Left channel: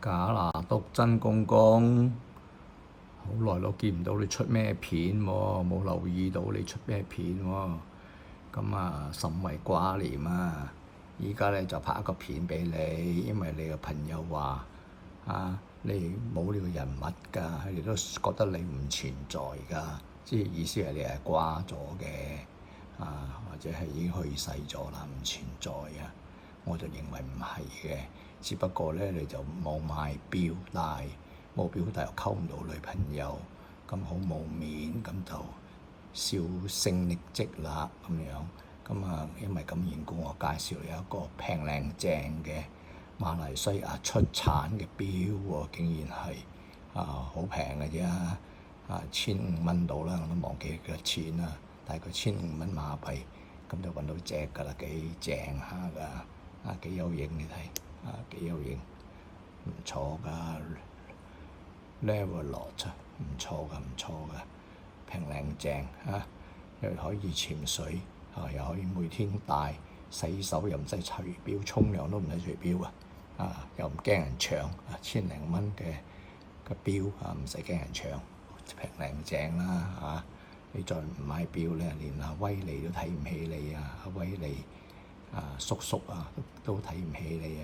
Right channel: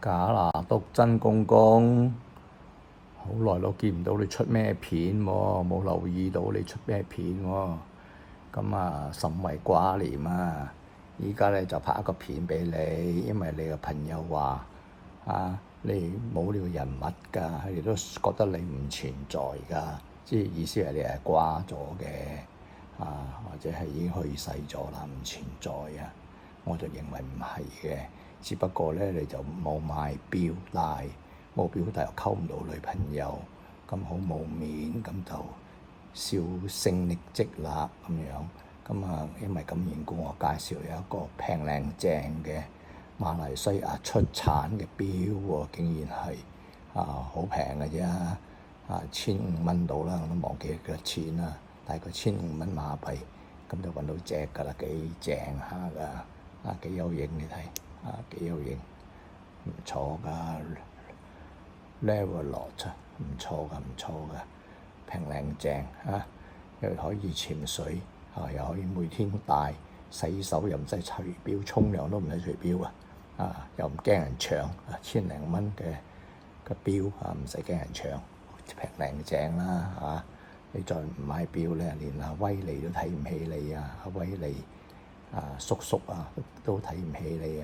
假拿督真公公，好耐都見唔到你出咩片喎，冇留意到你出咩片喎。咁啊，甚為掛念啊！依家咧就拍一個片俾你，因為你個朋友話你冇呢個人物㗎，佢哋都覺得你唔存在㗎，即係意思係你係掛咗嘅或者係已經去世咗啦，唔存在啊。我就認為唔係嘅，只不過咧你就冇買錶帶，冇錶帶又溝唔到女朋友，咁好冇面，咁就銷聲匿跡啦咁樣。咁因為咁緣故，我介紹有一個平靚正嘅馬來西亞出產嘅錶喎，竟然係好平嘅啫，1500到啦，我都忘記幾多錢啦，大概1500馬幣，咁就揾到隻㗎啦，幾正下㗎，幾有型你睇，幾有型，唔錯㗎 Levalot 唔錯㗎，平靚正又可以潛水又可以每天戴，洗手又唔使除錶，沖涼都唔使除錶又唔驚人搶，1000零蚊嘅錶唔使驚人搶，平靚正啦你再唔買錶咧，連阿威利都睇唔起你阿威利叔叔都睇唔起你